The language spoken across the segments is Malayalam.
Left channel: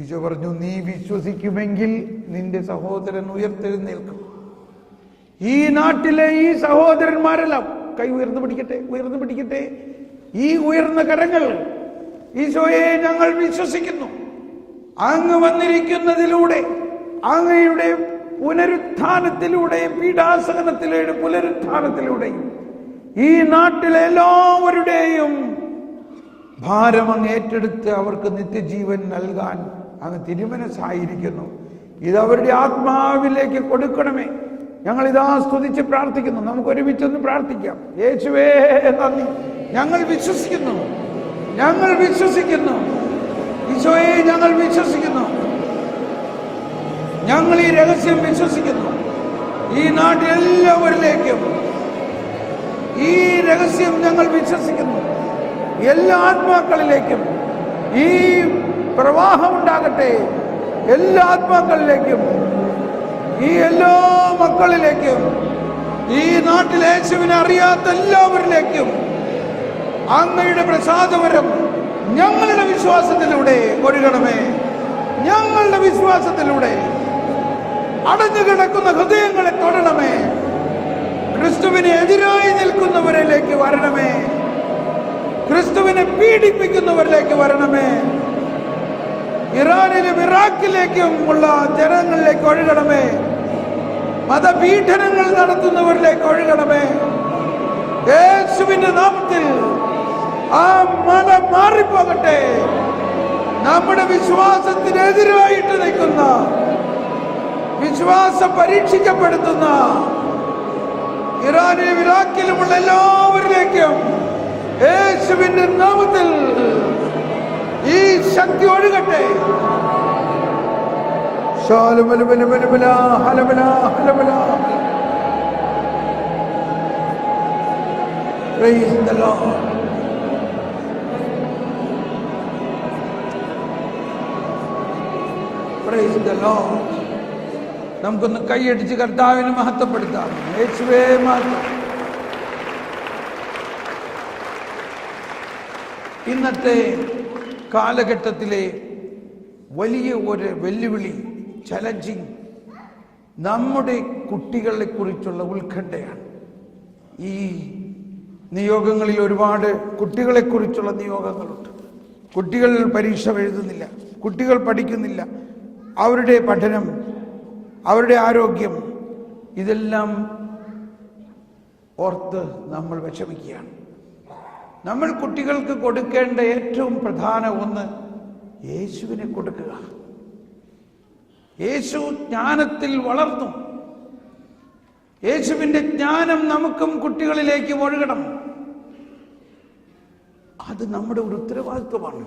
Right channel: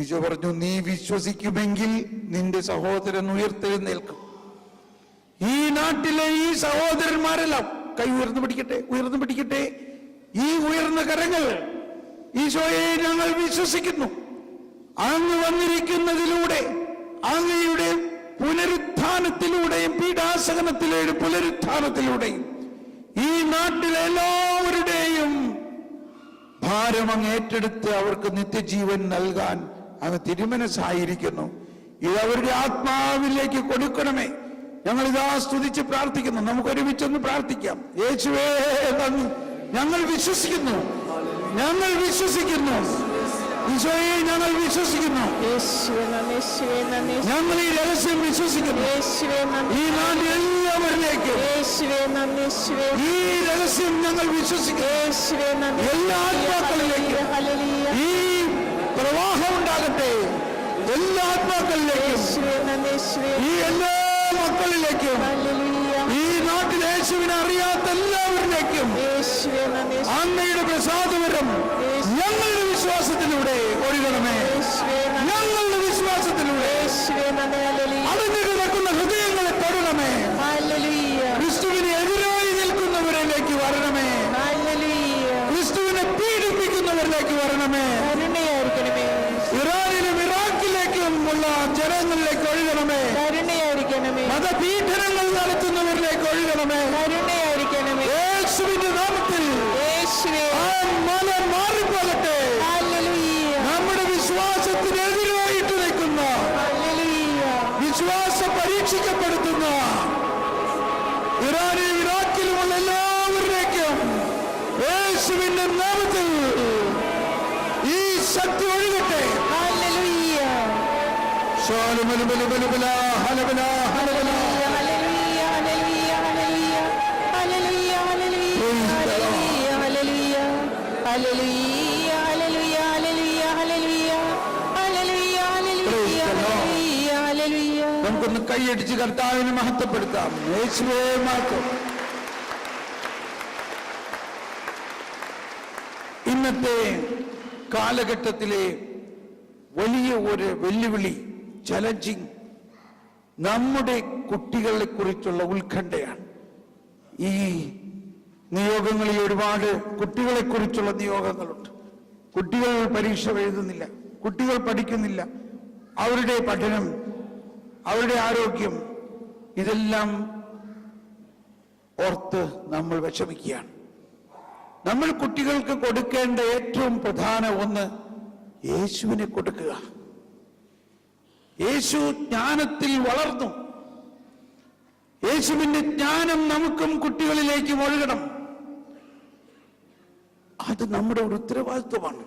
ഈശോ പറഞ്ഞു, നീ വിശ്വസിക്കുമെങ്കിൽ നിന്റെ സഹോദരൻ ഉയർത്തെഴുന്നേൽക്കും. ഈ നാട്ടിലെ ഈ സഹോദരന്മാരെല്ലാം കൈ ഉയർന്നു പിടിക്കട്ടെ. ഈ ഉയർന്ന കരങ്ങൾ, ഈശോയെ ഞങ്ങൾ വിശ്വസിക്കുന്നു. അങ്ങ് വന്നിരിക്കുന്നതിലൂടെ, അങ്ങയുടെ പുനരുത്ഥാനത്തിലൂടെയും പീഡാസഹനത്തിലൂടെയും പുനരുത്ഥാനത്തിലൂടെയും ഈ നാട്ടിലെ എല്ലാവരുടെയും ഭാരം അങ്ങ് ഏറ്റെടുത്ത് അവർക്ക് നിത്യജീവൻ നൽകാൻ അങ്ങ് തിരുമനസ്സായിരിക്കുന്നു. ഇത് അവരുടെ ആത്മാവിലേക്ക് കൊടുക്കണമേ. ഞങ്ങൾ ഇതാ സ്തുതിച്ച് പ്രാർത്ഥിക്കുന്നു. നമുക്ക് ഒരുമിച്ചൊന്ന് പ്രാർത്ഥിക്കാം. യേശുവേ നന്ദി. ഞങ്ങൾ വിശ്വസിക്കുന്നു. ഈശോയെ ഞങ്ങൾ വിശ്വസിക്കുന്നു. ഞങ്ങൾ ഈ രഹസ്യം വിശ്വസിക്കുന്നു. ഈ നാട്ടിൽ എല്ലാവരിലേക്കും ഈ രഹസ്യം ഞങ്ങൾ വിശ്വസിക്കുന്നു. എല്ലാ ആത്മാക്കളിലേക്കും ഈ പ്രവാഹം ഉണ്ടാകട്ടെ. എല്ലാ ആത്മാക്കളിലേക്കും, ഈ എല്ലാ മക്കളിലേക്കും, ഈ നാട്ടിൽ യേശുവിനെ അറിയാത്ത എല്ലാവരിലേക്കും അങ്ങയുടെ പ്രസാദവരം ഞങ്ങളുടെ വിശ്വാസത്തിലൂടെ ഒഴുകണമേ. ഞങ്ങളുടെ വിശ്വാസത്തിലൂടെ അടഞ്ഞു കിടക്കുന്ന ഹൃദയങ്ങളെ തൊടണമേ. ക്രിസ്തുവിനെ എതിരായി നിൽക്കുന്നവരിലേക്ക് വരണമേ. ക്രിസ്തുവിനെ പീഡിപ്പിക്കുന്നവരിലേക്ക് വരണമേ. ഇറാനിലും ഇറാഖിലേക്കും ഉള്ള ജനങ്ങളിലേക്ക് ഒഴുകണമേ. മതപീഡനങ്ങൾ നടത്തുന്നവരിലേക്ക് ഒഴുകണമേ. യേശുവിന്റെ നാമത്തിൽ ആ മത മാറിപ്പോകട്ടെ. നമ്മുടെ വിശ്വാസത്തിനെതിരായിട്ട് നിൽക്കുന്ന, വിശ്വാസം പരീക്ഷിക്കപ്പെടുത്തുന്ന ഇറാനിലും ഇറാഖിലുമുള്ള എല്ലാവരിലേക്കും യേശുവിന്റെ നാമത്തിൽ ഈ ശക്തി ഒഴുകട്ടെ. നമുക്കൊന്ന് കൈയടിച്ച് കർത്താവിനെ മഹത്വപ്പെടുത്താം. യേശുവേ മഹത്വം. ഇന്നത്തെ കാലഘട്ടത്തിലെ വലിയ ഒരു വെല്ലുവിളി, ചലഞ്ചിങ്, നമ്മുടെ കുട്ടികളെ കുറിച്ചുള്ള ഉത്കണ്ഠയാണ്. ഈ നിയോഗങ്ങളിൽ ഒരുപാട് കുട്ടികളെ കുറിച്ചുള്ള നിയോഗങ്ങളുണ്ട്. കുട്ടികൾ പരീക്ഷ എഴുതുന്നില്ല, കുട്ടികൾ പഠിക്കുന്നില്ല, അവരുടെ പഠനം, അവരുടെ ആരോഗ്യം, ഇതെല്ലാം ഓർത്ത് നമ്മൾ വിഷമിക്കുകയാണ്. നമ്മൾ കുട്ടികൾക്ക് കൊടുക്കേണ്ട ഏറ്റവും പ്രധാന ഒന്ന് യേശുവിനെ കൊടുക്കുക. യേശു ജ്ഞാനത്തിൽ വളർന്നു. യേശുവിന്റെ ജ്ഞാനം നമുക്കും കുട്ടികളിലേക്കും ഒഴുകണം. അത് നമ്മുടെ ഒരു ഉത്തരവാദിത്വമാണ്.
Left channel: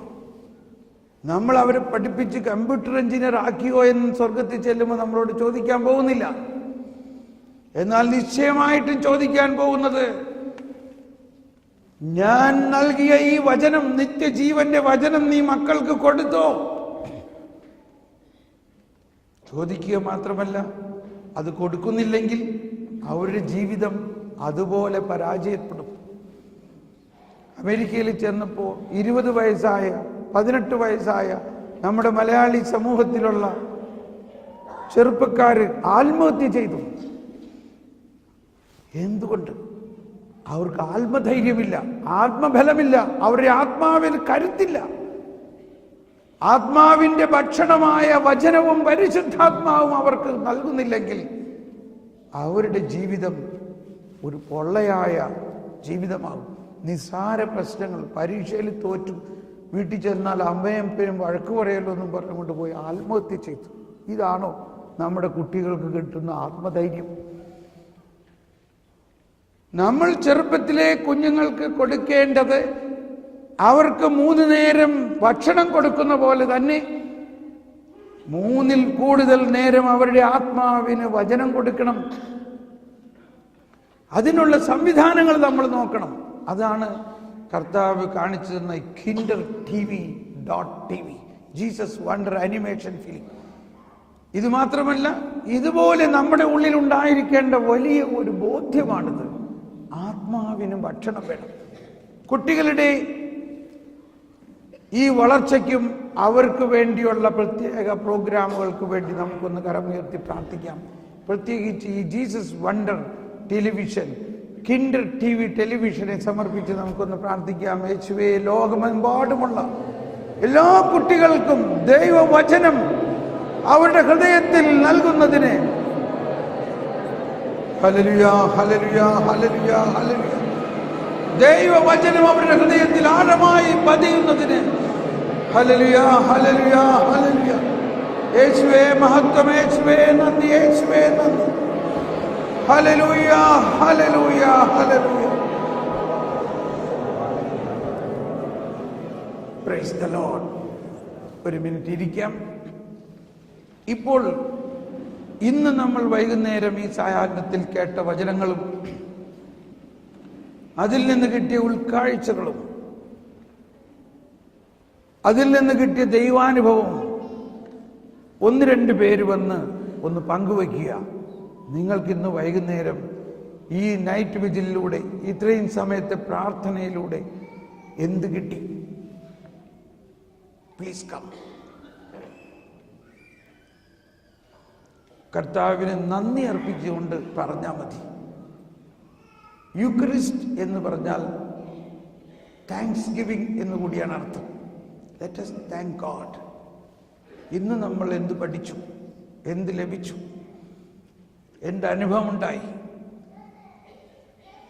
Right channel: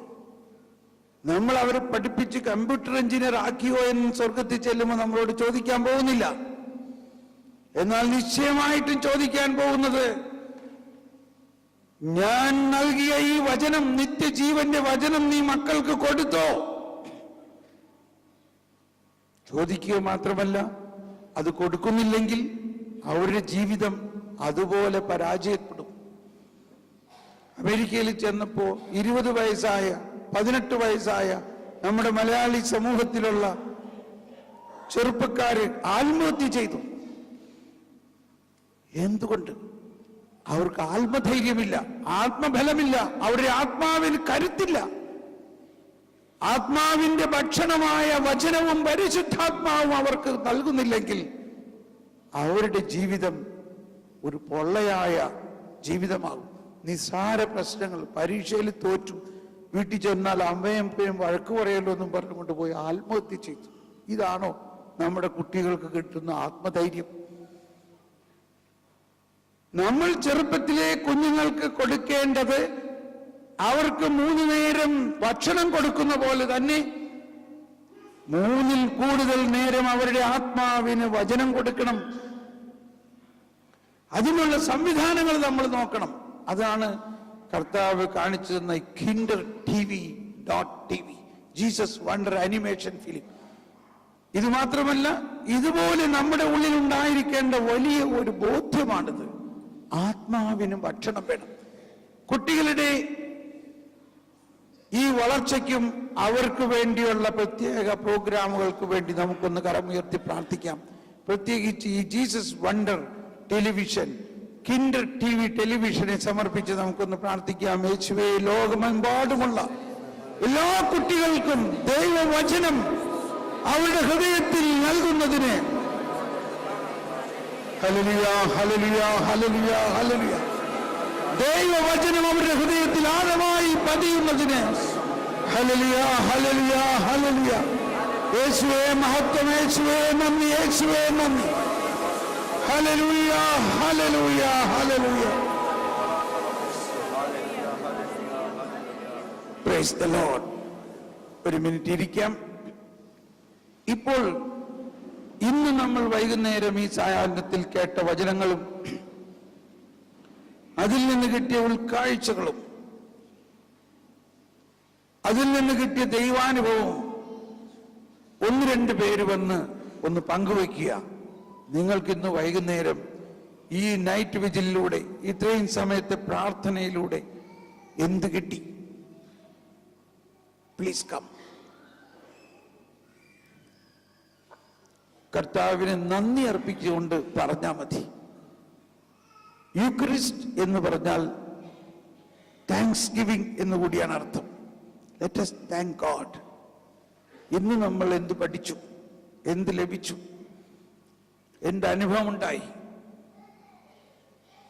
നമ്മൾ അവരെ പഠിപ്പിച്ച് കമ്പ്യൂട്ടർ എഞ്ചിനീയർ ആക്കിയോ എന്ന് സ്വർഗത്തിൽ ചെല്ലുമ്പോൾ നമ്മളോട് ചോദിക്കാൻ പോകുന്നില്ല. എന്നാൽ നിശ്ചയമായിട്ടും ചോദിക്കാൻ പോകുന്നത്, ഞാൻ നൽകിയ ഈ വചനം, നിത്യജീവന്റെ വചനം നീ മക്കൾക്ക് കൊടുത്തോ? ചോദിക്കുക മാത്രമല്ല, അത് കൊടുക്കുന്നില്ലെങ്കിൽ അവരുടെ ജീവിതം അതുപോലെ പരാജയപ്പെടും. അമേരിക്കയിൽ ചെന്നപ്പോ 20 വയസ്സായ 18 വയസ്സായ നമ്മുടെ മലയാളി സമൂഹത്തിലുള്ള ചെറുപ്പക്കാര് ആത്മഹത്യ ചെയ്തു. എന്തുകൊണ്ട്? അവർക്ക് ആത്മധൈര്യമില്ല, ആത്മബലമില്ല, അവരുടെ ആത്മാവിന് കരുത്തില്ല. ആത്മാവിന്റെ ഭക്ഷണമായ വചനവും പരിശുദ്ധാത്മാവും അവർക്ക് നൽകുന്നില്ലെങ്കിൽ അവരുടെ ജീവിതം ഒരു പൊള്ളയായ ജീവിതമാകും. നിസ്സാര പ്രശ്നങ്ങൾ, പരീക്ഷയിൽ തോറ്റു, വീട്ടിൽ ചെന്നാൽ അമ്മയും അപ്പയും വഴക്ക് പറയല്ലോ എന്നും പറഞ്ഞുകൊണ്ട് പോയി ആത്മഹത്യ ചെയ്തു. ഇതാണോ നമ്മുടെ കുട്ടികൾക്ക് കിട്ടുന്ന ആത്മധൈര്യം? നമ്മൾ ചെറുപ്പത്തിലെ കുഞ്ഞുങ്ങൾക്ക് കൊടുക്കേണ്ടത് അവർക്ക് 3 നേരം ഭക്ഷണം കൊടുക്കുന്ന പോലെ തന്നെ 3-ൽ കൂടുതൽ നേരം അവരുടെ ആത്മാവിന് വചനം കൊടുക്കണം. അതിനുള്ള സംവിധാനങ്ങൾ നമ്മൾ നോക്കണം. അതാണ് കർത്താവ് കാണിച്ചു തന്ന KinderTV.tv, Jesus wonder animation film. ഇത് മാത്രമല്ല, ഇതുപോലെ നമ്മുടെ ഉള്ളിൽ ഉണ്ടായിരിക്കേണ്ട വലിയ ഒരു ബോധ്യമാണിത്. ആത്മാവിന് ഭക്ഷണം വേണം. കുട്ടികളുടെ ഈ വളർച്ചയ്ക്കും അവർക്ക് വേണ്ടിയുള്ള പ്രത്യേക പ്രോഗ്രാമുകൾക്ക് വേണ്ടി നമുക്കൊന്ന് കരമുയർത്തി പ്രാർത്ഥിക്കാം. പ്രത്യേകിച്ച് ഈ Jesus wonder television, Kinder TV ടെലിവിഷനെ സമർപ്പിച്ച് നമുക്കൊന്ന് പ്രാർത്ഥിക്കാം. യേശുവേ, ലോകമെമ്പാടുമുള്ള എല്ലാ കുട്ടികൾക്കും ദൈവവചനം അവരുടെ ഹൃദയത്തിൽ നൽകുന്നതിന് ഹല്ലേലൂയ, ഹല്ലേലൂയ, ഹല്ലേലൂയ, ഹല്ലേലൂയ. ദൈവവചനം അവരുടെ ഹൃദയത്തിൽ ആഴമായി പതിയുന്നതിന് ഹല്ലേലൂയ, ഹല്ലേലൂയ, ഹല്ലേലൂയ. യേശുവേ മഹത്വം, യേശുവേ നന്ദി, യേശുവേ നന്ദി. Hallelujah, hallelujah, hallelujah. Price the Lord. ഒരു മിനിറ്റ് ഇരിക്കാം. ഇപ്പോൾ ഇന്ന് നമ്മൾ വൈകുന്നേരം ഈ സായാഹ്നത്തിൽ കേട്ട വചനങ്ങളും അതിൽ നിന്ന് കിട്ടിയ ഉൾക്കാഴ്ചകളും അതിൽ നിന്ന് കിട്ടിയ ദൈവാനുഭവം ഒന്ന് രണ്ട് പേര് വന്ന് ഒന്ന് പങ്കുവയ്ക്കുക. നിങ്ങൾക്കിന്ന് വൈകുന്നേരം ഈ നൈറ്റ് വിജിലിലൂടെ, ഇത്രയും സമയത്തെ പ്രാർത്ഥനയിലൂടെ എന്ത് കിട്ടി? Please come. കർത്താവിനെ നന്ദി അർപ്പിച്ചുകൊണ്ട് പറഞ്ഞാൽ മതി. യൂക്രിസ്റ്റ് എന്ന് പറഞ്ഞാൽ താങ്ക്സ് ഗിവിംഗ് എന്ന് കൂടിയാണ് അർത്ഥം. Let us thank God. ഇന്ന് നമ്മൾ എന്ത് പഠിച്ചു, എന്ത് ലഭിച്ചു, എന്ത് അനുഭവം ഉണ്ടായി,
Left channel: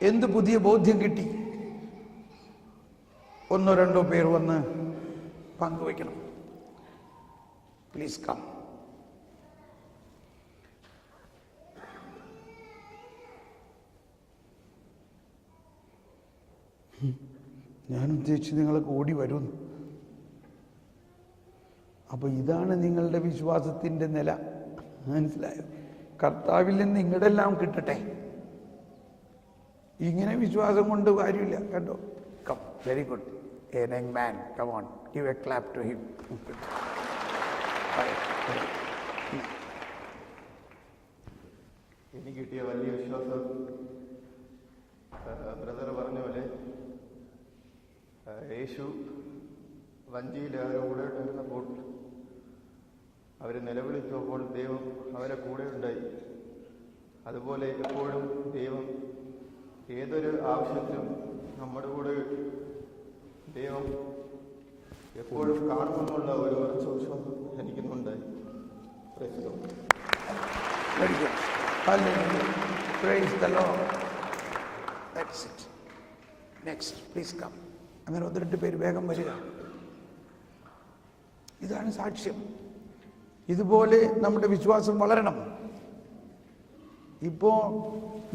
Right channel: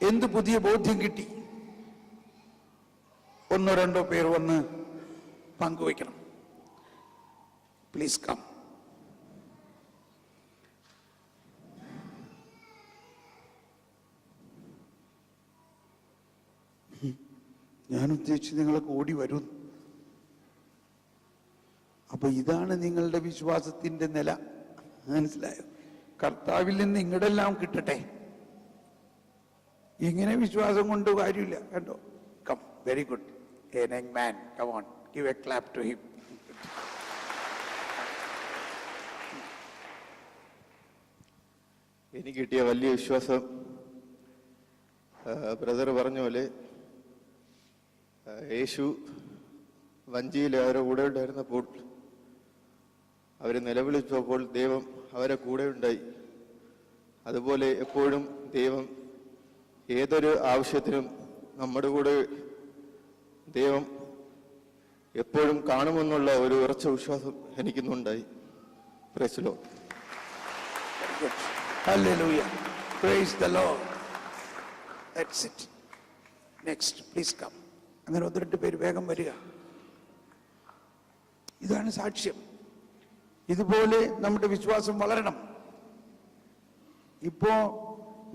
എന്ത് പുതിയ ബോധ്യം കിട്ടി? ഒന്നോ രണ്ടോ പേർ വന്ന് പങ്കുവയ്ക്കണം. Please come. ഞാൻ ഉദ്ദേശിച്ച് നിങ്ങളൊക്കെ ഓടി വരുന്നു. അപ്പൊ ഇതാണ് നിങ്ങളുടെ വിശ്വാസത്തിന്റെ നില. മനസ്സിലായോ? കർത്താവിൽ നിന്ന് ഇങ്ങടെല്ലാം കിട്ടട്ടെ. ഇങ്ങനെ വിശ്വാസം കൊണ്ട് കാര്യമില്ല. കണ്ടോ? Come. Very good. A young man. Come on. Give a clap to him. എനിക്ക് കിട്ടിയ വലിയ വിശ്വാസം, ബ്രദർ പറഞ്ഞ പോലെ, യേശു വഞ്ചിയിൽ അവരുടെ കൂടെ ഉണ്ടായിരുന്നപ്പോൾ അവർ നിലവിളിച്ചപ്പോൾ ദൈവം അവരെ കൂടെ ഉണ്ടായി. അതുപോലെ എപ്പോഴും ദൈവം ഏതൊരു ആവശ്യത്തിനും നമ്മുടെ കൂടെ ദൈവം എപ്പോഴും കാണുമെന്നുള്ള ഒരു ഉറച്ച വിശ്വാസം എനിക്കുന്നുണ്ടായി. Praise the lord. Very good. Hallelujah. Praise the Lord. That's it. Next, please come. അങ്ങനെ ഒന്ന് രണ്ട് പേര് വേഗം വരിക. ഇതാണ് സാക്ഷ്യം. ഇതുപോലെ നമ്മുടെ വിശ്വാസം വളരണം. ഇപ്പോ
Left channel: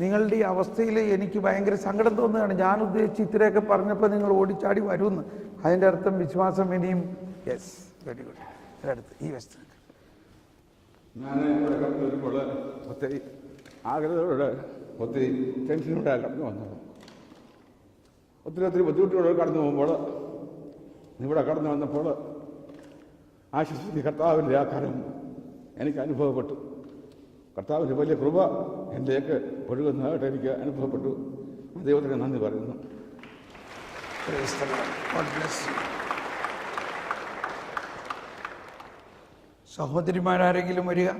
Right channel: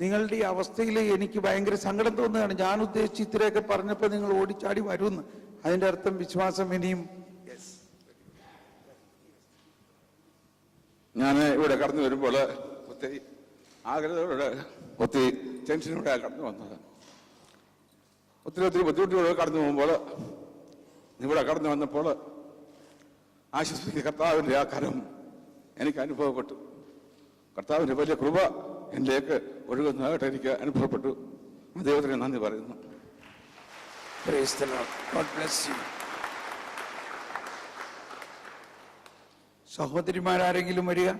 നിങ്ങളുടെ ഈ അവസ്ഥയിൽ എനിക്ക് ഭയങ്കര സങ്കടം തോന്നുകയാണ്. ഞാൻ ഉദ്ദേശിച്ച് ഇത്രയൊക്കെ പറഞ്ഞപ്പോൾ നിങ്ങൾ ഓടിച്ചാടി വരുമെന്ന്. അതിൻ്റെ അർത്ഥം വിശ്വാസം ഇനിയും. Yes, very good. ഈ വസ്തു ഞാൻ ഇവിടെ കടന്നു വരുമ്പോൾ ഒത്തിരി ആഗ്രഹത്തോടെ ഒത്തിരി ടെൻഷനോടെ കടന്നു വന്നത്. ഒത്തിരി ബുദ്ധിമുട്ടുകൾ കടന്നു പോകുമ്പോൾ നിങ്ങളെ കടന്നു വന്നപ്പോൾ ആശ്വസിപ്പിക്കുന്ന കർത്താവിൻ്റെ ആകാരം എനിക്ക് അനുഭവപ്പെട്ടു. കർത്താവിൻ്റെ വലിയ കൃപ എന്നിലേക്ക് ഒഴുകുന്നതായിട്ട് എനിക്ക് അനുഭവപ്പെട്ടു. ദൈവത്തിന് നന്ദി പറയുന്നു. സഹോദരിമാരാരെങ്കിലും വരിക.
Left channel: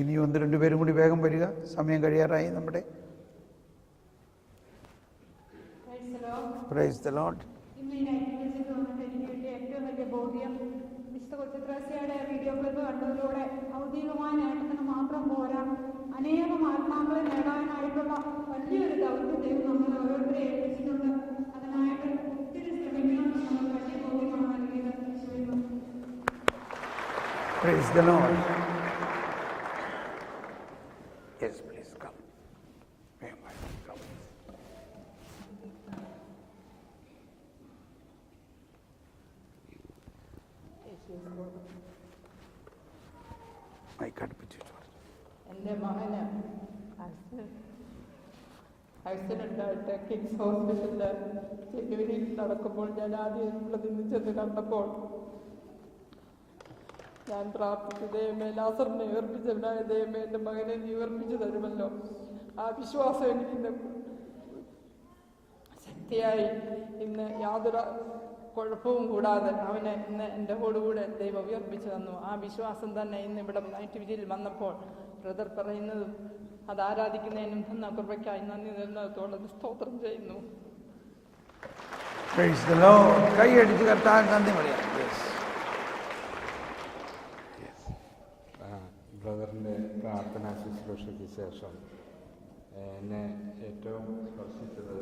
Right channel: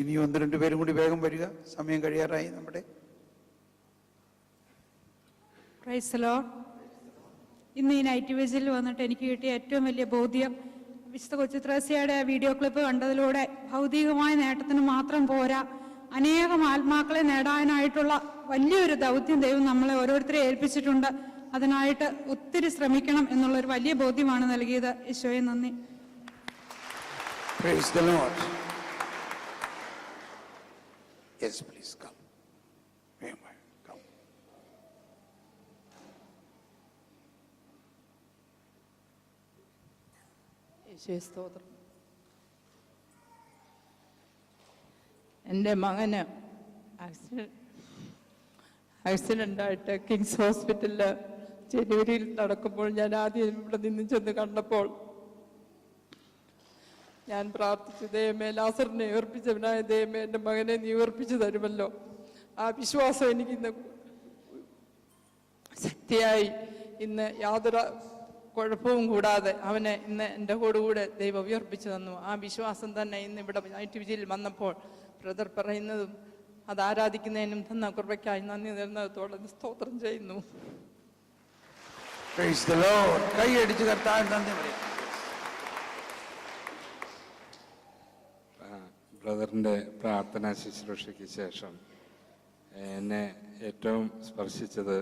ഇനി ഒന്ന് രണ്ടുപേരും കൂടി വേഗം വരിക. സമയം കഴിയാറായി നമ്മുടെ. Price the Lord. ഇന്ന് ഈ നൈറ്റ് വിജിൽ വന്നിട്ട് എനിക്ക് കിട്ടിയ ഏറ്റവും വലിയ ബോധ്യം, വിശുദ്ധ കൊച്ചുത്രേസ്യയുടെ വീഡിയോ ക്ലിപ്പ് കണ്ടതിലൂടെ ഭൗതികമായ നേട്ടത്തിന് മാത്രം പോരാ, അനേകം ആത്മാക്കളെ നേടാനായിട്ടുള്ള വലിയൊരു ദൗത്യം ദൈവം നമ്മളെ ഓരോരുത്തരെ ഏൽപ്പിച്ചിട്ടുണ്ട്. അതിനായിട്ട് ഒത്തിരി ശ്രമിക്കണം എന്നുള്ളൊരു വലിയ ബോധ്യമാണ് നൽകിയത്. ഈശോയെ നന്ദി. Praise the Lord. Yes, please come. എൻ്റെ മകന് ആക്സിഡൻ്റായിട്ട് കിങ്സ് ഹോസ്പിറ്റലിൽ ചെന്നൂരിൽ നടക്കുമ്പോൾ ഞാൻ ആദ്യം ഇവിടെ നിന്ന് ചെന്ന് കണ്ടപ്പോൾ ഞാൻ പ്രാർത്ഥിച്ചു, ദൈവമേ, ലാസറിനെ ഉയർപ്പിച്ചവനായ ദൈവമേ, എൻ്റെ മകനെ നീ ഉയർപ്പിച്ചു തരുമല്ലോ. ആ വിശ്വാസം എനിക്കിന്ന് ശക്തിയായി ഇന്ന് യാതൊരു കുഴപ്പവും കൂടാതെ അവനെ ഇന്ന് എൻ്റെ കൂടെ ദൈവം ഉയർപ്പിച്ചു തന്നു. ആ വിശ്വാസം തന്നെ ഇന്ന് ഇവിടെ ITVGയിൽ വന്നപ്പോൾ ബ്രദർ പറയുന്നതും അത് ആരാധിക്കുന്നതിനും തന്ന കൃപയ്ക്കായി നന്ദി നിർന്നതോടെ സ്തോത്രം ചെയ്യുന്നു. കൈയടിച്ച് കർത്താവിന് നന്ദി പറയാം. ബ്രദറിൻ്റെ പ്രാർത്ഥനാ ശുശ്രൂഷയ്ക്ക് ശേഷം എന്നെ ഏറ്റവും സ്പർശിച്ചത്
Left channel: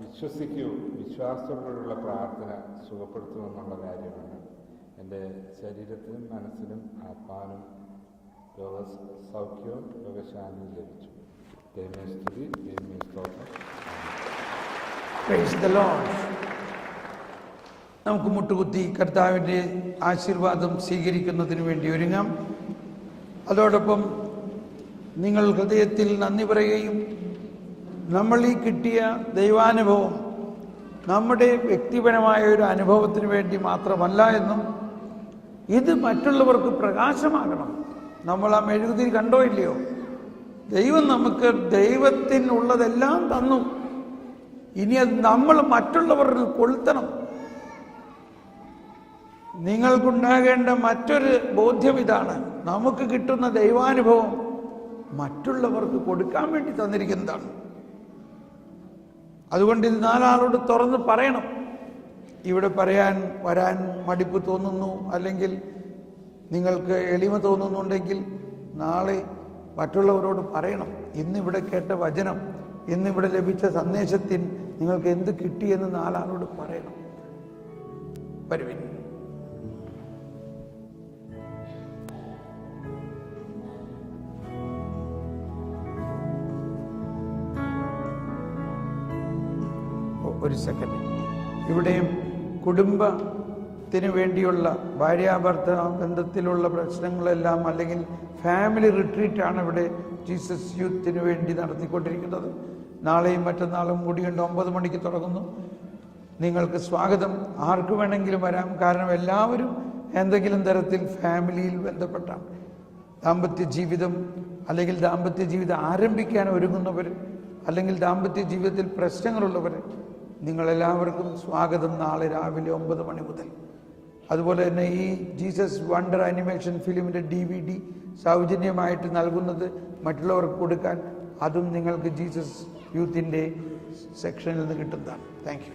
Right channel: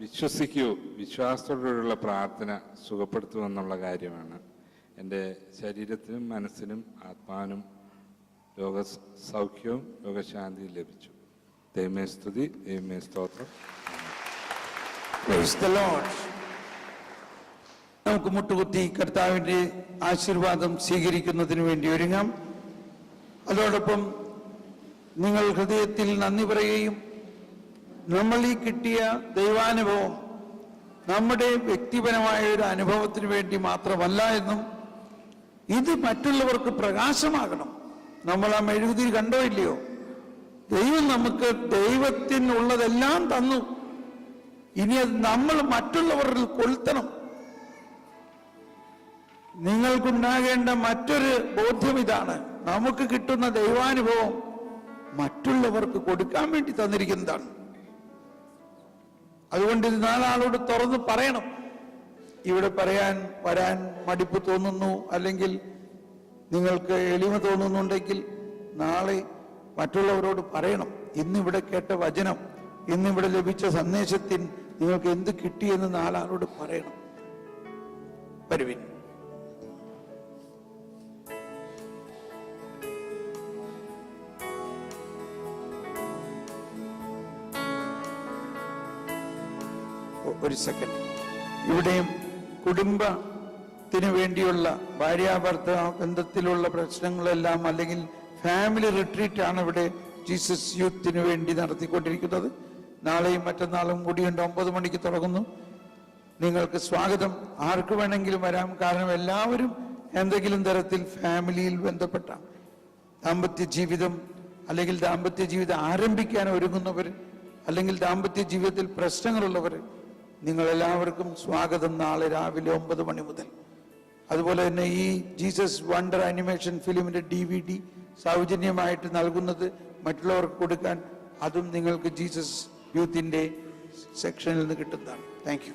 വിശ്വസിക്കൂ, വിശ്വാസത്തോടുള്ള പ്രാർത്ഥന സുഖപ്പെടുത്തുമെന്നുള്ള കാര്യമാണ്. എൻ്റെ ശരീരത്തിനും മനസ്സിനും ആത്മാവിനും രോഗസൗഖ്യവും രോഗശാന്തിയും ലഭിച്ചു. ദൈവമേ സ്തുതി, ദൈവമേ സ്തോത്രം. നമുക്ക് മുട്ടുകുത്തി കർത്താവിൻ്റെ ആശീർവാദം സ്വീകരിക്കുന്നതിന് വേണ്ടി ഒരുങ്ങാം. അതോടൊപ്പം നിങ്ങൾ ഹൃദയത്തിൽ നന്ദി പറയുകയും നമ്മൾ ഈ കിട്ടിയ ദൈവാനുഭവം നമ്മുടെ വ്യക്തിപരമായ ഒരു അനുഭവത്തിന് വേണ്ടി മാത്രമല്ല എന്നും ഇത് മറ്റുള്ളവർക്ക് പ്രകാശമാകണം. നമ്മൾ ആ മെഴുകുതിരി കണ്ടോ ഇല്ലയോ? ദൈവം നമുക്ക് ദൈവത്തിനുള്ളതെല്ലാം തന്നു. ഇനി അത് നമ്മൾ മറ്റുള്ളവരിൽ കൊളുത്തണം. നിങ്ങൾക്കുണ്ടാകേണ്ട മറ്റൊരു ബോധ്യം ഇതാണ്: നമുക്ക് കിട്ടുന്ന ദൈവാനുഭവം മറ്റുള്ളവർക്ക് കൊടുക്കാൻ വേണ്ടി തന്നിരിക്കുന്നതാണ്. അതുകൊണ്ട് ഇത് നാലാളോട് തുറന്ന് പറയണം. ഇവിടെ വരാൻ മടിപ്പ് തോന്നുന്നു, അല്ലെങ്കിൽ നിങ്ങൾക്ക് എളിമ തോന്നുന്നുണ്ടെങ്കിൽ നാളെ മറ്റുള്ളവരോട് പറയണം. ഇന്നിവിടെ കേട്ട വചനം, ഇന്നിവിടെ ലഭിച്ച സന്ദേശത്തിൽ നിങ്ങൾക്ക് എന്ത് കിട്ടിയെന്ന് നാലാളോട് പറയണം. വരുവിൻ. ഒരു സെക്കൻഡ്. ഇവിടെയും കുടുംബത്തിന് വേണ്ടിയുള്ള ഭാര്യാഭർത്ത ബന്ധത്തിലുള്ള പ്രശ്നങ്ങളെല്ലാം, അല്ലെങ്കിൽ ഫാമിലി റിട്രീറ്റാണ് ഇവിടെ ജീസസ് യൂത്തിന് വേണ്ടി നടത്തിക്കൊണ്ടിരിക്കുന്നത്. നാളെയും മറ്റന്നാളും കൂടിയുണ്ട്. 9 മണിക്ക് തുടങ്ങുന്നു. നിങ്ങൾക്ക് സ്വാഗതം. ആർക്ക് വേണമെങ്കിലും വരാം. കാരണം എല്ലാവരും എന്തെങ്കിലും തരത്തിൽ ഫാമിലിയിൽ ബന്ധപ്പെട്ട ദാമ്പത്യ ജീവിതം, അല്ലെങ്കിൽ ദാമ്പത്യ ജീവിതം ആരംഭിക്കാൻ ഒരുങ്ങുന്നവർ, അല്ലെങ്കിൽ ദാമ്പത്യ ജീവിതത്തിൽ പ്രശ്നങ്ങളുള്ളവർ, നിങ്ങളെല്ലാവർക്കും സ്വാഗതം. നാളെ രാവിലെ 9 മണി മുതൽ. അതുപോലെ തന്നെ ഈ ജീസസ് വണ്ടർ ആനിമേഷൻ ഫിലിമിന്റെ DVD സൗജന്യമായിട്ട് നൽകുന്നത് മറ്റുള്ളവർക്ക് കൊടുക്കാൻ, അതും നിങ്ങൾക്ക് ജീസസ് യൂത്തിന്റെ സെക്ഷനിൽ നിന്ന് കിട്ടുന്നതാണ്. Thank you.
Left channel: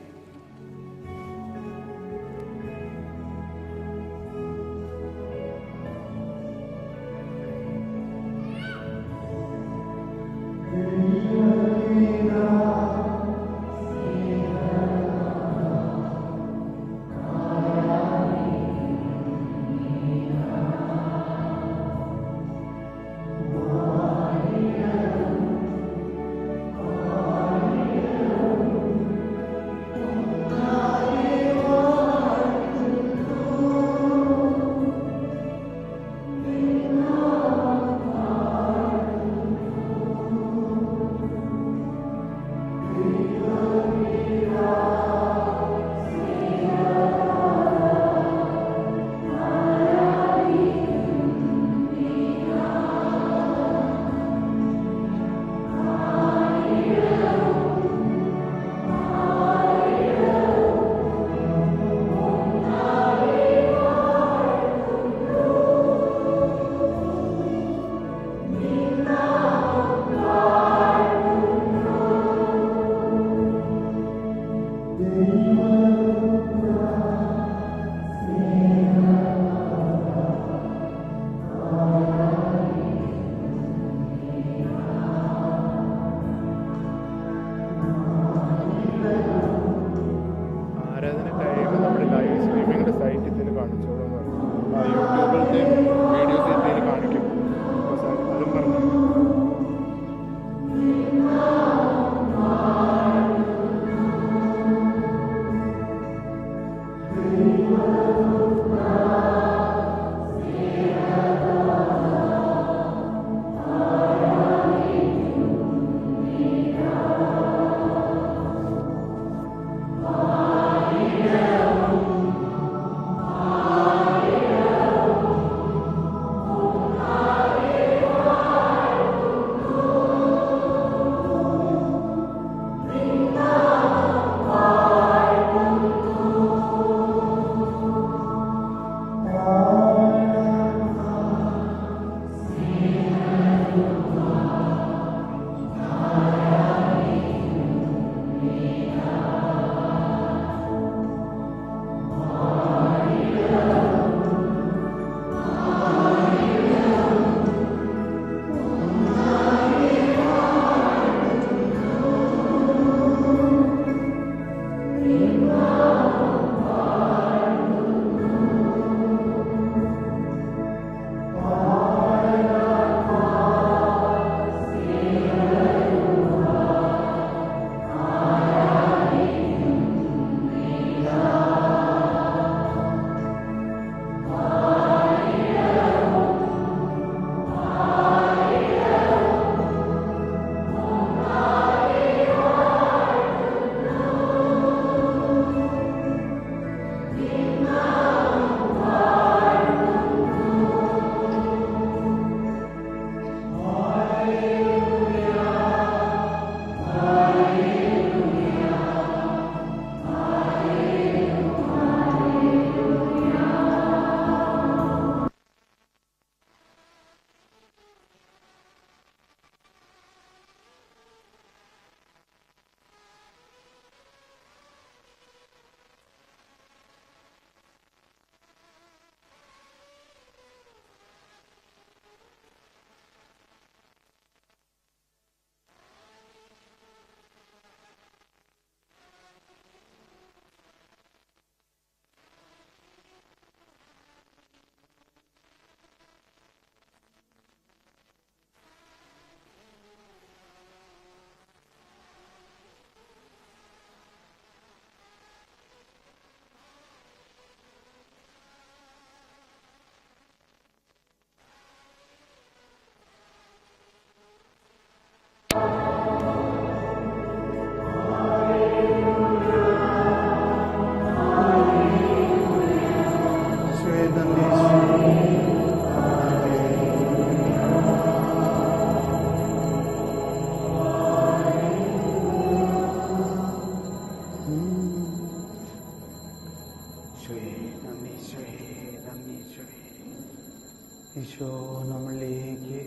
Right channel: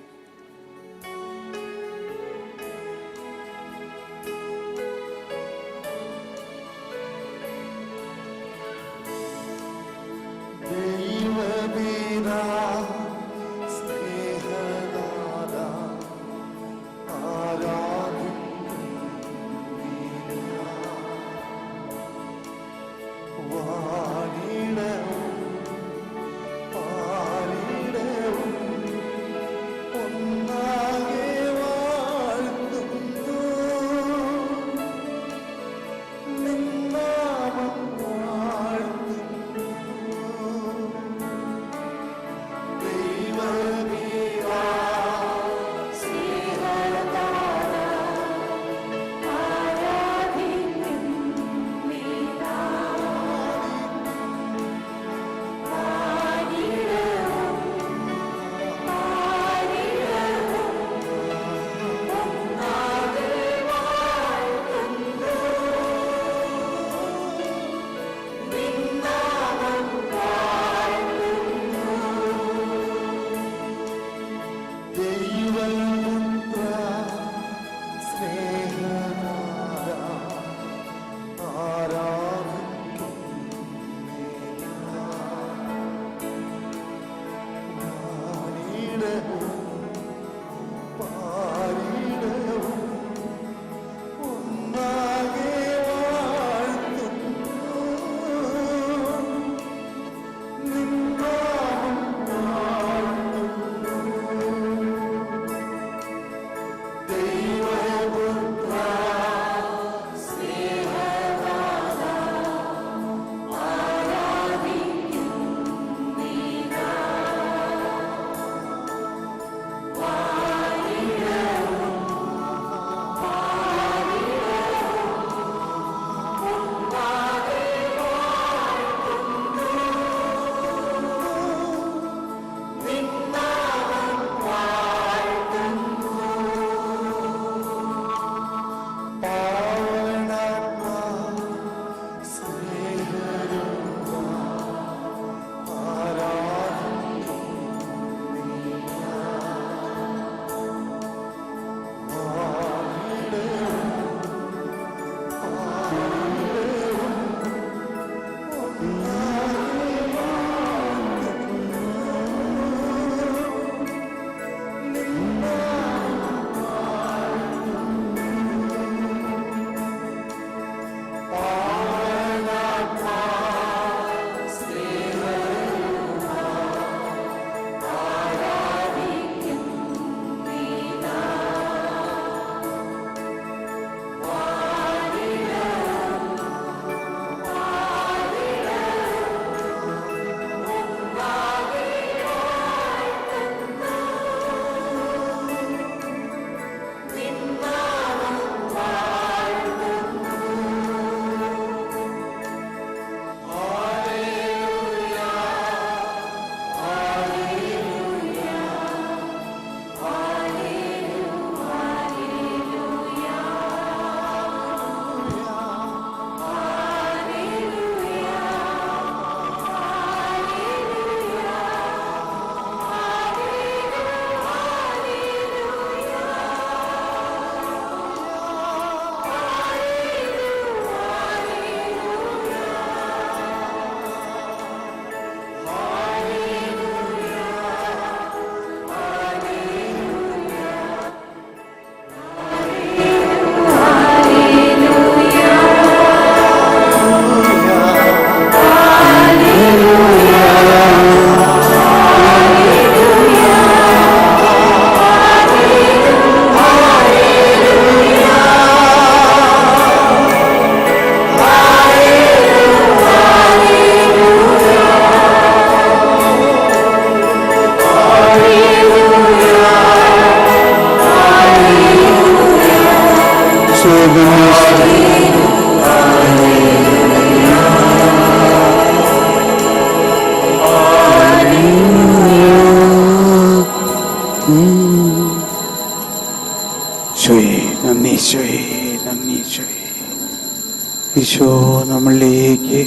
ഈശോ നമ്മളിലേക്ക്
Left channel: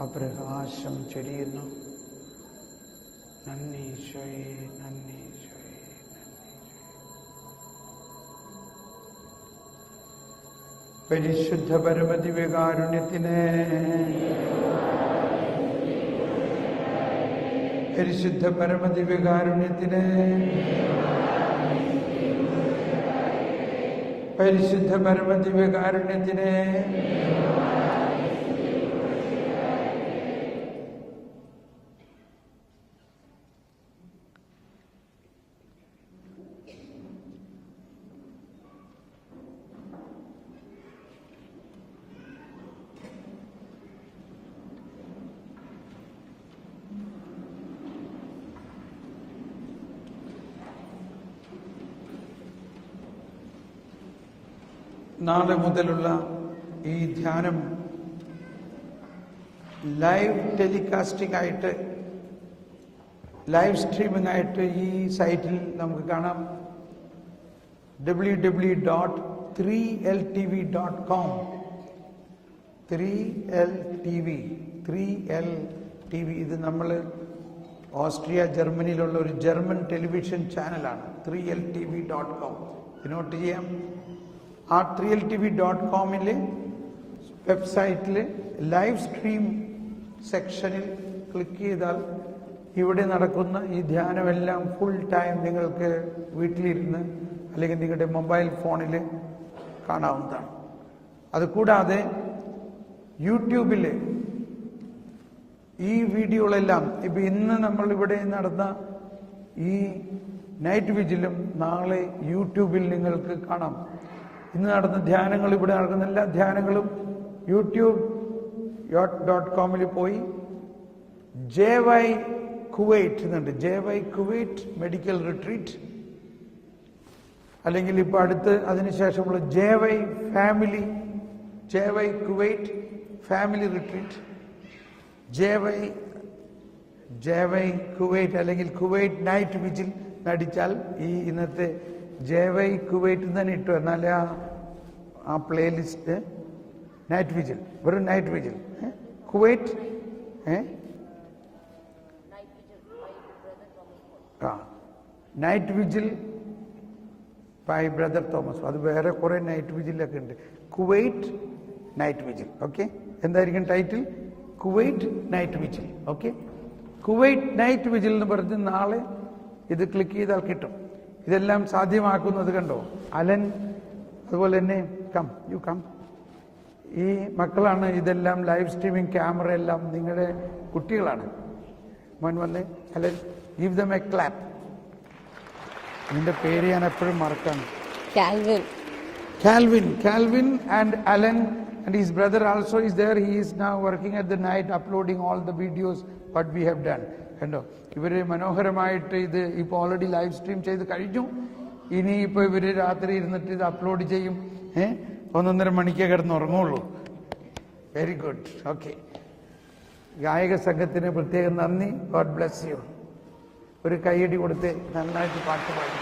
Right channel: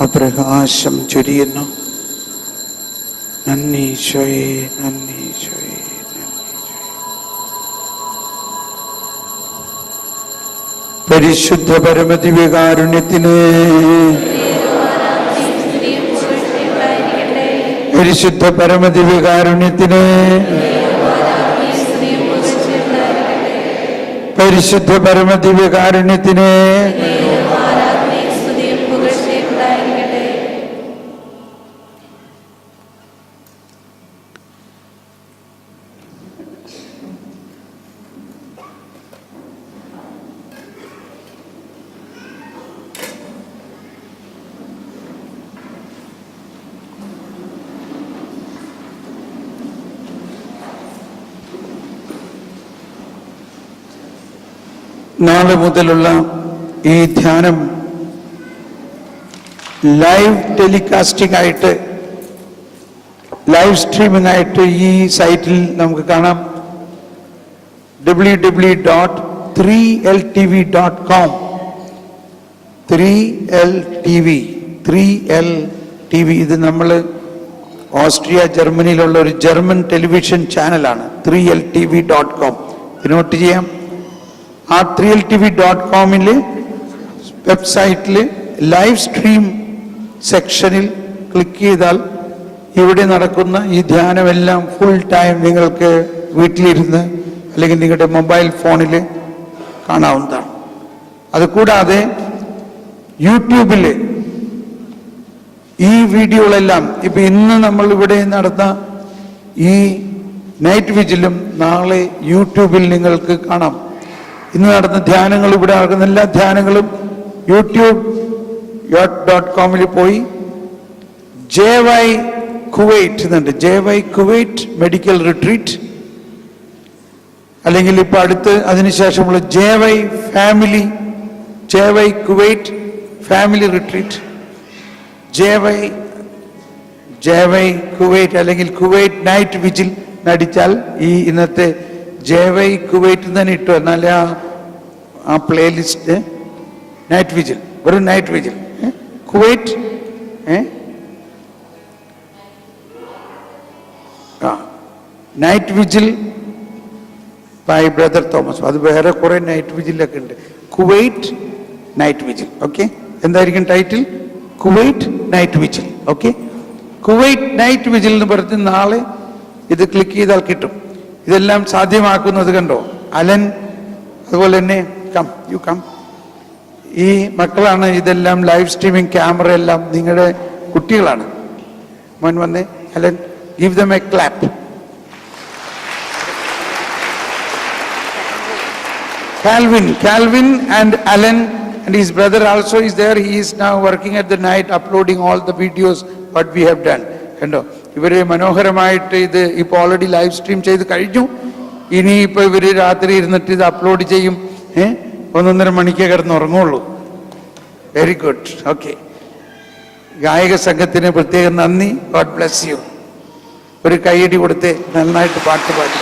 ആ പ്രകാശം ചൊരിയുന്നു. നന്ദി ഈശോയെ, നന്ദി ഈശോയെ, നന്ദി ഈശോയെ. പരിശുദ്ധ പരമദിവ്യകാരുണ്യത്തിന്, പരിശുദ്ധ പരമദിവ്യകാരുണ്യത്തിന്, പരിശുദ്ധ പരമദിവ്യകാരുണ്യത്തിന്. നാളെ മുതലുള്ള ഈ ധ്യാനം ലൈവ് ടെലികാസ്റ്റിംഗ് ആയിട്ട്, ലൈവ് സ്ട്രീമിംഗ് ആയിട്ട് ഈ സൈറ്റിൽ നമുക്ക് കാണാം. www.3ltv.com 3LTV. ഇത് നമ്മൾ ഓസ്ട്രിയ, ജർമ്മനിയിലുള്ള ഒരു ജർമ്മൻ ടെലിവിഷൻ ചാനലാണ്. 3ltv.com നോട്ട് ചെയ്യാം. ആ 3ltv.com വെബ്സൈറ്റിൽ ലൈവ് സ്ട്രീം സെക്ഷനിൽ ക്ലിക്ക് ചെയ്താൽ ഇവിടെ നടക്കുന്ന ഈ ധ്യാനമെല്ലാം ഫുൾ ടൈം നിങ്ങൾക്ക് വീട്ടിലിരുന്ന് അല്ലെങ്കിൽ നിങ്ങളുടെ മൊബൈൽ ഫോണിൽ കാണാവുന്നതാണ്. അതുകൂടാതെ യൂട്യൂബിൽ ഈ വീഡിയോകളെല്ലാം ഇപ്പൊ ഇന്ന് നമ്മൾ ഇവിടെ നടന്ന ഈ നൈറ്റ് വിജിലും നാളെ യൂട്യൂബിൽ നിങ്ങൾക്ക് കാണാം. ഇന്ന് നടന്ന ധ്യാനങ്ങൾ, ഇവിടെ നടക്കുന്ന എല്ലാ ധ്യാനങ്ങളും youtube.com പോയി JY കുവൈറ്റ് എന്നുണ്ട്. JY കുവൈറ്റ് മെഡിക്കൽ റിട്രീറ്റ്, അല്ലെങ്കിൽ ഇപ്പൊ അടുത്ത് അതിനുശേഷമുള്ള JY Kuwait family retreat, JY Kuwait അല്ലെങ്കിൽ കുവൈറ്റ് നൈറ്റ് വിജിൽ നടിച്ചാൽ ഈ ഇന്നത്തെ JY കുവൈറ്റ് തന്നെ ഇട്ടു. എന്നാലേ ആ പ്ലേലിസ്റ്റ് നൈറ്റ് വിജിൽ, വെറും night vigil Kuwait night vigil by brother Thomas. അത് വേറെ കുറെ നൈറ്റ് വിജിലൊക്കെ ഉണ്ട്. Kuwait night vigil. ഓക്കെ, എന്തായിരിക്കും title? Kuwait night vigil. Okay, Kuwait night vigil എന്ന് പറഞ്ഞ് നാളെ ഇത് ക്ലിക്ക് ചെയ്താൽ കിട്ടും. ഇതെല്ലാം സാധ്യമാക്കുന്നത് കണ്ടോ, അലൻ, അതുപോലെ തന്നെ യു കം. ഈ മക്കളാണ് ഇതെല്ലാം ലൈവ് സ്ട്രീമിംഗ്, ക്യാമറ എല്ലാം നിങ്ങളുടെ കുട്ടികളാണ്. മോൻ വന്നേ, Alan, give them a clap. Calvin and Alan and his brother also is there. He is now working at the night, uploading all the videos what we have done. കണ്ടോ, ഇവര് മനോഹരമായിട്ട് ഇത് ഇപ്പൊ ഓൾറെഡി ലൈവ് സ്ട്രീം ചെയ്ത് കഴിഞ്ഞു. ഇനി ഇപ്പൊ ഇവര് രാത്രി ഇരുന്നിട്ട് ഇത് അപ്ലോഡ് ചെയ്യും. 1.5 മണിക്ക് കിടന്ന് ഉറങ്ങുള്ളൂ. Very good. ഓക്കെ, ഗായക സംഘത്തിന് പ്രത്യേകം നന്ദി. God bless you. ഒരു കൈയടി കൊടുത്ത് നന്നായിട്ട് പാട്ട് പാടി.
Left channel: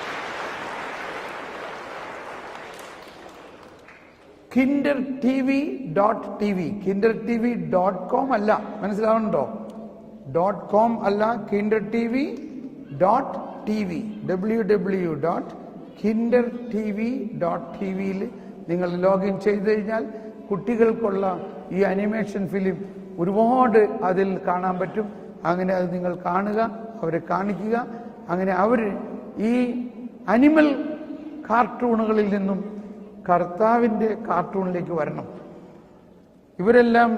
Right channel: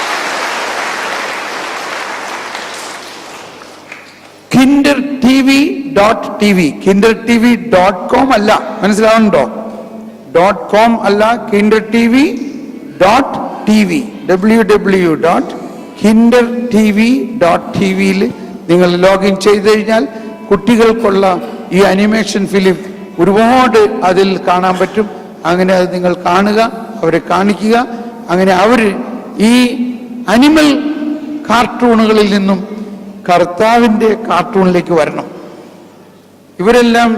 kindertv.tv kindertv.com അല്ല, മനസ്സിലാവുന്നുണ്ടോ? .com അല്ല, kindertv.tv www.kindertv.tv നിങ്ങൾ ലോഗിൻ ചെയ്ത് കഴിഞ്ഞാൽ കുട്ടികൾക്കുള്ള ഈ അനിമേഷൻ ഫിലിം ഒരുപാട് അതിൽ കാണാൻ പറ്റും. അങ്ങനെ അത് നിങ്ങൾ കാണുക, അവരെ കാണിക്കുക. അങ്ങനെ അവർ ഈ അനിമൽ കാർട്ടൂണുകളിൽ നിന്നും കർത്താവിൻ്റെ കാർട്ടൂണിലേക്ക് വരണം. ഇവരെല്ലാം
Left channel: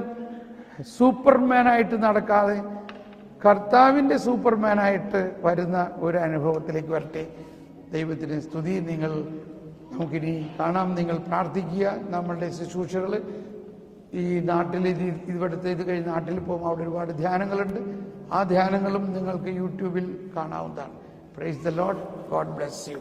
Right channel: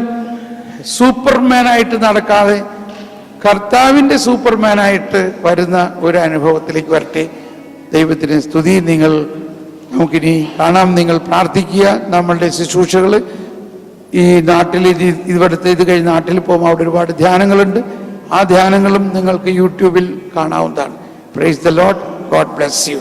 സൂപ്പർമാനായിട്ട് നടക്കാതെ കർത്താവിൻ്റെ സൂപ്പർമാനായിട്ട് വരുന്ന ഒരു അനുഭവത്തിലേക്ക് വരട്ടെ. ദൈവത്തിന് സ്തുതി. നമുക്കിനി കാണാം. നിങ്ങൾ പ്രാർത്ഥിക്കുക. നമ്മളുടെ ശുശ്രൂഷകൾ ഈ നാട്ടിൽ ഇവിടുത്തെ ഇത് കഴിഞ്ഞ് നാട്ടിൽ പോകുമ്പോൾ അവിടെ ഒരുപാട് ധ്യാനങ്ങളുണ്ട്. ആ ധ്യാനങ്ങളും നിങ്ങൾക്ക് യൂട്യൂബിൽ കാണാവുന്നതാണ്. Praise the Lord. God bless you.